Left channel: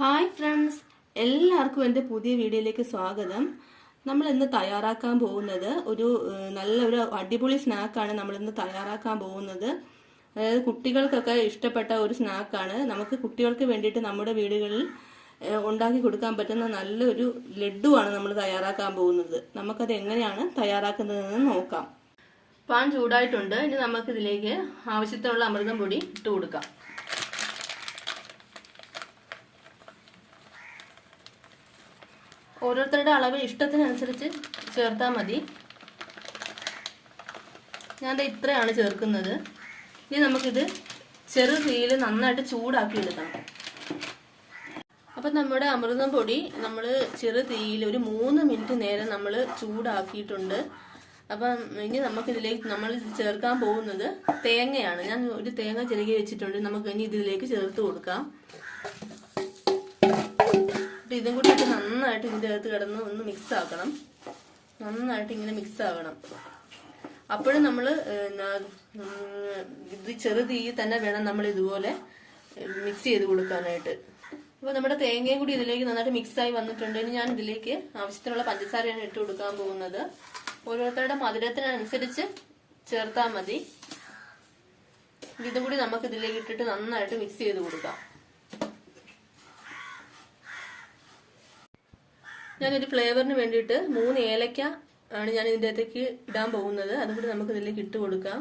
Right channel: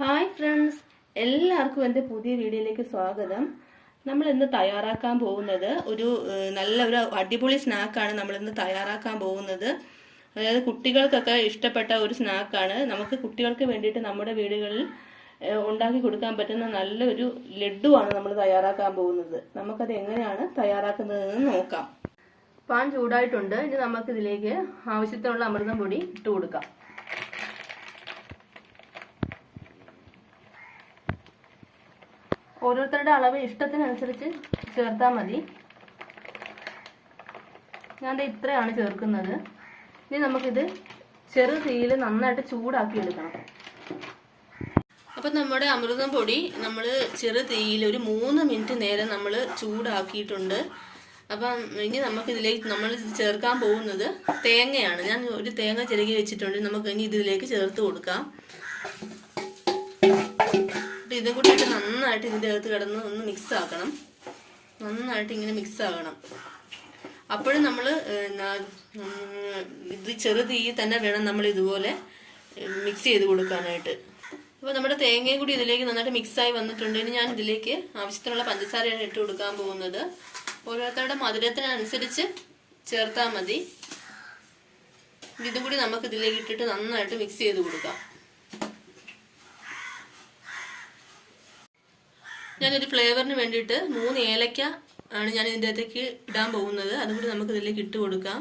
Hi friends, എല്ലാവർക്കും എൻ്റെ പുതിയ വീഡിയോയിലേക്ക് സ്വാഗതം. നമ്മൾ ഇന്ന് തയ്യാറാക്കാൻ പോകുന്നത് ഒരു അടിപൊളി സ്നാക്കാണ്. നമ്മളിന്ന് തയ്യാറാക്കാൻ പോകുന്നത് അതായത് കുട്ടികൾക്കൊക്കെ ഇഷ്ടപ്പെട്ട ഒരു സ്നാക്കാണ്. നമുക്ക് കുട്ടികൾക്ക് വേണ്ടിയിട്ട് നമ്മുടെ വീടുകളിൽ ഉണ്ടാക്കി കൊടുക്കാൻ പറ്റുന്ന നല്ലൊരു ലഡുവാണ് നമ്മൾ തയ്യാറാക്കാൻ പോകുന്നത്. നമുക്കത് എങ്ങനെയാണ് തയ്യാറാക്കുന്നതെന്ന് നോക്കാം. പാൻ ചൂടായിട്ടുണ്ട്. ഇനി നമുക്കിതിലേക്ക് ആവശ്യത്തിനുള്ള അമൃതം പൊടി ഇട്ട് കൊടുക്കാം. ഓരോരുത്തരുടെ അളവ് ഇഷ്ടത്തിനനുസരിച്ച് ചേർത്താൽ മതി. ഞാൻ ഇത്രയാണ് ചേർക്കുന്നത്. ഇനി നമുക്കിത് ചെറു തീയിൽ നന്നായിട്ട് ചൂടാക്കി എടുക്കണം. അപ്പം നമ്മുടെ അമൃതം പൊടി നമ്മൾ ചെറു തീയിൽ ഒരു 3 മിനിറ്റ് നേരം നമ്മൾ ചൂടാക്കിയിട്ടുണ്ട്. അപ്പം ഇനി നമുക്കിതിലേക്ക് നമ്മൾ ചേർക്കാൻ പോകുന്നത് തേങ്ങയാണ്. ഞാൻ ഒരു തേങ്ങ ചിരകി വെച്ചിട്ടുണ്ട്. നമുക്ക് ഇനി ഇതിലേക്ക് ചേർത്ത് കൊടുക്കാം. ഇതും കൂടി ഇട്ട് നന്നായിട്ട് ഇതിൻ്റെ അകത്ത് കിടന്ന് ഒന്ന് മിക്സ് ആക്കണം. നന്നായിട്ട് ഇങ്ങനെ മിക്സ് ആകണം. അപ്പോഴും നമ്മൾ ഇത് ചെറു തീയിൽ തന്നെ വേണം നമ്മൾ ഇതുപോലെ മിക്സ് ചെയ്ത് കൊടുക്കാനായിട്ട്. അപ്പോൾ നമ്മുടെ തേങ്ങയും കൂടി ഇതിലേക്ക് നന്നായിട്ട് മിക്സായി വന്നിട്ടുണ്ട്. ഇനി ഞാൻ ഇതിലേക്ക് ആവശ്യത്തിനുള്ള പഞ്ചസാരയാണ് ഇട്ട് കൊടുക്കാൻ പോകുന്നത്. ഓരോരുത്തരുടെ മധുരത്തിനനുസരിച്ച് ചേർത്താൽ മതി. ഇതും കൂടി നമുക്ക് ഇതിലേക്ക് ഇട്ടിട്ട് നന്നായിട്ട് മിക്സ് ചെയ്ത് കൊടുക്കാം. ഞാനൊരു ഫ്ലേവറിന് വേണ്ടിയിട്ട് 3 ഏലക്ക ആണ് ഞാൻ ഇതിൻ്റെ അകത്തേക്ക് ഇടാൻ പോകുന്നത്. അതും കൂടി നമുക്ക് ഇതിലേക്ക് ഇട്ട് കൊടുക്കാം.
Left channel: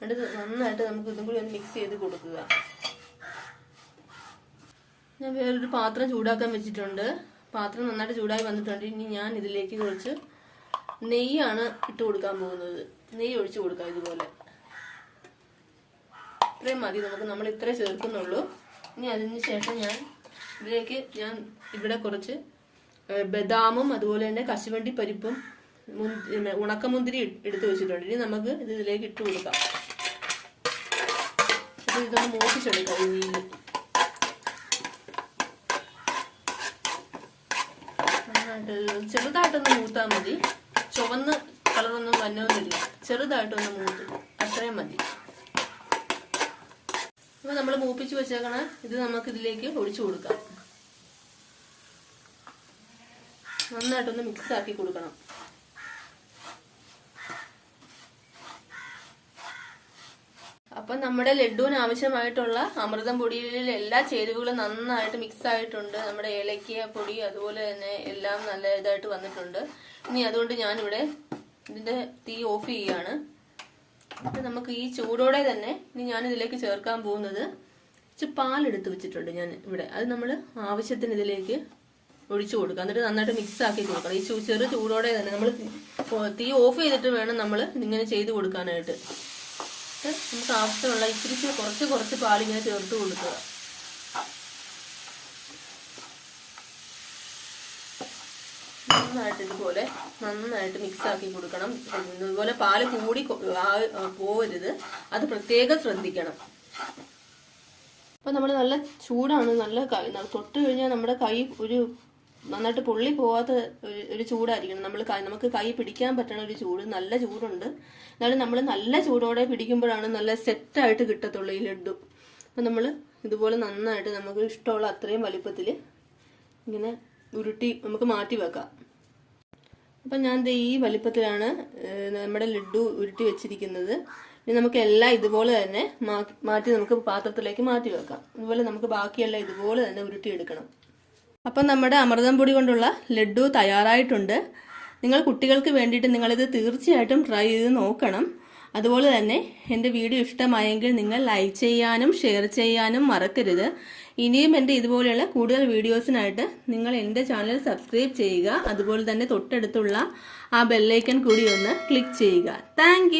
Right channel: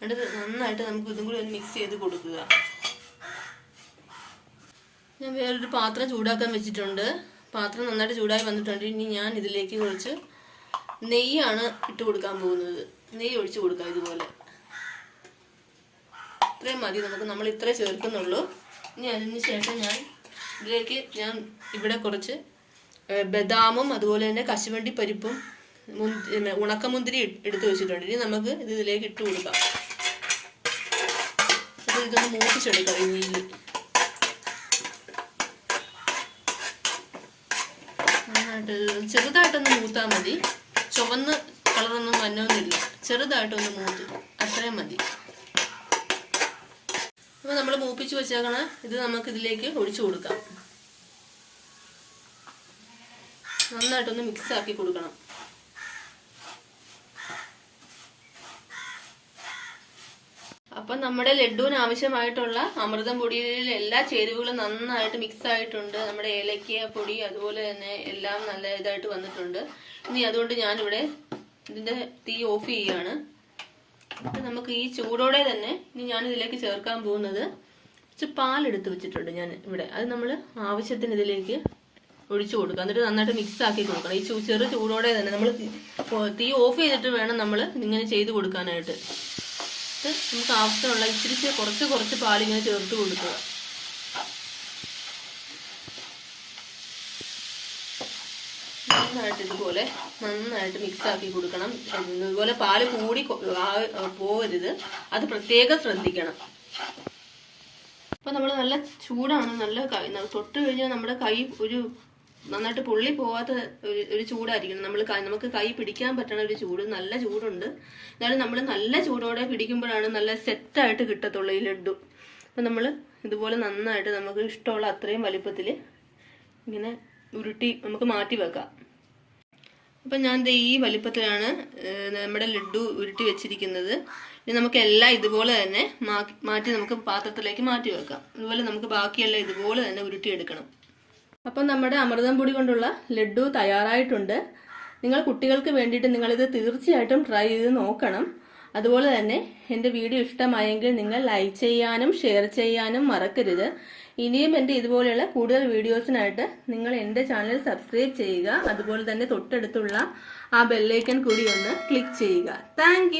എന്നിട്ട് നന്നായിട്ട് നമുക്ക് ഇതും കൂടി ഒന്ന് മിക്സ് ചെയ്ത് കൊടുക്കുക. ഞാൻ വേറൊരു പാത്രം ചൂടാക്കാൻ വെച്ചിട്ടുണ്ട്. പാത്രം നന്നായിട്ട് ചൂടായി വന്നിട്ടുണ്ട്. ഇനി ഞാൻ ഇതിലേക്ക് കുറച്ച് നെയ്യാണ് ഇട്ട് കൊടുക്കാൻ പോകുന്നത്. നെയ്യ് ഒഴിച്ച് കൊടുക്കാം. ഇതുപോലെ ഇത്രയും മതി നമുക്ക്. നമ്മൾ ഇത്രേ ചേർക്കുന്നുള്ളൂ. ഇനി അതിന് ശേഷം ഇതിലേക്ക് ഞാൻ ഇവിടെ കുറച്ച് ബദാമും അതുപോലെ തന്നെ കശുവണ്ടി പരിപ്പും ഉണക്കമുന്തിരി എടുത്ത് വെച്ചിട്ടുണ്ട്. ഇനി നമുക്ക് ഇതിലേക്ക് ഇട്ട് കൊടുക്കാം. ഇതൊന്ന് മൂപ്പിച്ചെടുക്കാം. നെയ്യിൽ ചെറുതായിട്ടൊന്ന് മൂത്താൽ മതി. ചുവന്ന് കളറൊന്നും വന്നൊന്നുമില്ല. ചെറുതായിട്ടൊന്ന് മൂത്ത് അത്രയും മതി. അപ്പോൾ നമ്മൾ മൂപ്പിച്ച് വെച്ചേക്കണ ഇത് നമുക്ക് ഇതിലേക്ക് ഒഴിച്ചു കൊടുക്കാം. നന്നായിട്ടൊന്ന് മിക്സ് ആക്കി കൊടുക്കണം. അപ്പം നമ്മുടെ ലഡുവിന് ആവശ്യമായിട്ടുള്ള അമൃതം പൊടിയിൽ എല്ലാ ചേരുവകളും നന്നായിട്ട് മിക്സ് ആയിട്ടുണ്ട്. നമ്മുടെ ഏലക്ക പൊടി അതുപോലെ തന്നെ എല്ലാം നല്ല ഇതായിട്ട് വന്നിട്ടുണ്ട്. ഇനി അതുകൊണ്ട് ഞാനിവിടെ ഇതിൻ്റെ തീ ഓഫ് ചെയ്യുകയാണ്. അപ്പം നമുക്ക് ഈ ചൂടോടെ തന്നെ ഇനി ഞാനിതിലേക്ക് ചേർക്കാൻ പോകുന്നത് കുറച്ച് പാലെടുത്ത് വെച്ചിട്ടുണ്ട് ഞാൻ ഇവിടെ. അത് നമ്മൾ ആവശ്യത്തിന് ഇതിലേക്ക് ഒഴിച്ചു കൊടുക്കുക. എന്നിട്ട് നന്നായിട്ട് മിക്സ് ആക്കി കൊടുക്കണം. ഈ ചെറു ചൂടോടെ തന്നെ നമ്മൾ തീ ഓഫ് ചെയ്തിട്ട് വേണം നമ്മൾ ഇങ്ങനെ ചെയ്ത് കൊടുക്കാനായിട്ട്. നമുക്ക് ആവശ്യമുള്ള ഇച്ചിരി കുറച്ച് പാലിങ്ങനെ ചേർത്ത് കൊടുക്കുക. നന്നായിട്ട് ഇതുപോലെ നന്നായിട്ട് മിക്സ് ആക്കി കൊടുക്കണം. ഇതുപോലെ പാല് കൂടി പോകരുത്. അത് പ്രത്യേകം ശ്രദ്ധിക്കണം. അപ്പോൾ നമ്മൾ നല്ല ചൂടാണ്. നല്ല തൊട്ട് കഴിഞ്ഞാൽ നമ്മുടെ കൈ നന്നായിട്ട് പൊള്ളി പോകാത്ത ഒരു ചൂടായിരിക്കണം. നമുക്ക് കൈ പിടിക്കാൻ പറ്റണ ഒരു ചൂട്. നല്ല ചൂടുണ്ട്. എന്നാലും നമ്മൾ നല്ല ചൂടോടെ പിടിക്കുമ്പോഴാണ് നല്ല സെറ്റായിട്ട് കിട്ടത്തുള്ളൂ ഈ ലഡു. അപ്പം നമ്മൾ ഇതുപോലെ നന്നായിട്ട് നമുക്ക് ഇഷ്ടമുള്ള അത്രയും വലിപ്പത്തിൽ ഇങ്ങനെ ഉരുട്ടി നമുക്ക് മാറ്റി വെക്കാം. അപ്പം ഞാൻ ഈ വലിപ്പത്തിലാണ് നമ്മുടെ ലഡു ഉരുട്ടി വെച്ചിരിക്കുന്നത്. ഇനി നമുക്ക് എല്ലാം ഇതുപോലെ തന്നെ മാറ്റി നമുക്ക് പാത്രത്തിലേക്ക് മാറ്റി വെക്കാം. അതുപോലെ നമുക്ക് ബാക്കിയെല്ലാം ഇതുപോലെ തന്നെ ഉരുട്ടിയെടുക്കണം. അപ്പം നമ്മുടെ അമൃതം പൊടി കൊണ്ടുള്ള ലഡു തയ്യാറായിട്ടുണ്ട്. നിങ്ങൾ കുട്ടികൾക്ക് വേണ്ടിയിട്ട് നിങ്ങളിത് തീർച്ചയായിട്ടും ട്രൈ ചെയ്ത് നോക്കണം. അതുപോലെ തന്നെ എൻ്റെ വീഡിയോ ഇഷ്ടമായെങ്കിൽ നിങ്ങൾ ലൈക്ക് ചെയ്യാനും ഷെയർ ചെയ്യാനും മറക്കരുത്. ഇനിയും എൻ്റെ ഇതുപോലെയുള്ള കൂടുതൽ വീഡിയോസിനായിട്ട് നിങ്ങൾ എൻ്റെ ചാനൽ സബ്സ്ക്രൈബ് ചെയ്യുക. അതുപോലെ തന്നെ തൊട്ടടുത്തുള്ള ആ ബെല്ലൈക്കൺ കൂടി ഒന്ന് ക്ലിക്ക് ചെയ്യുക. താങ്ക്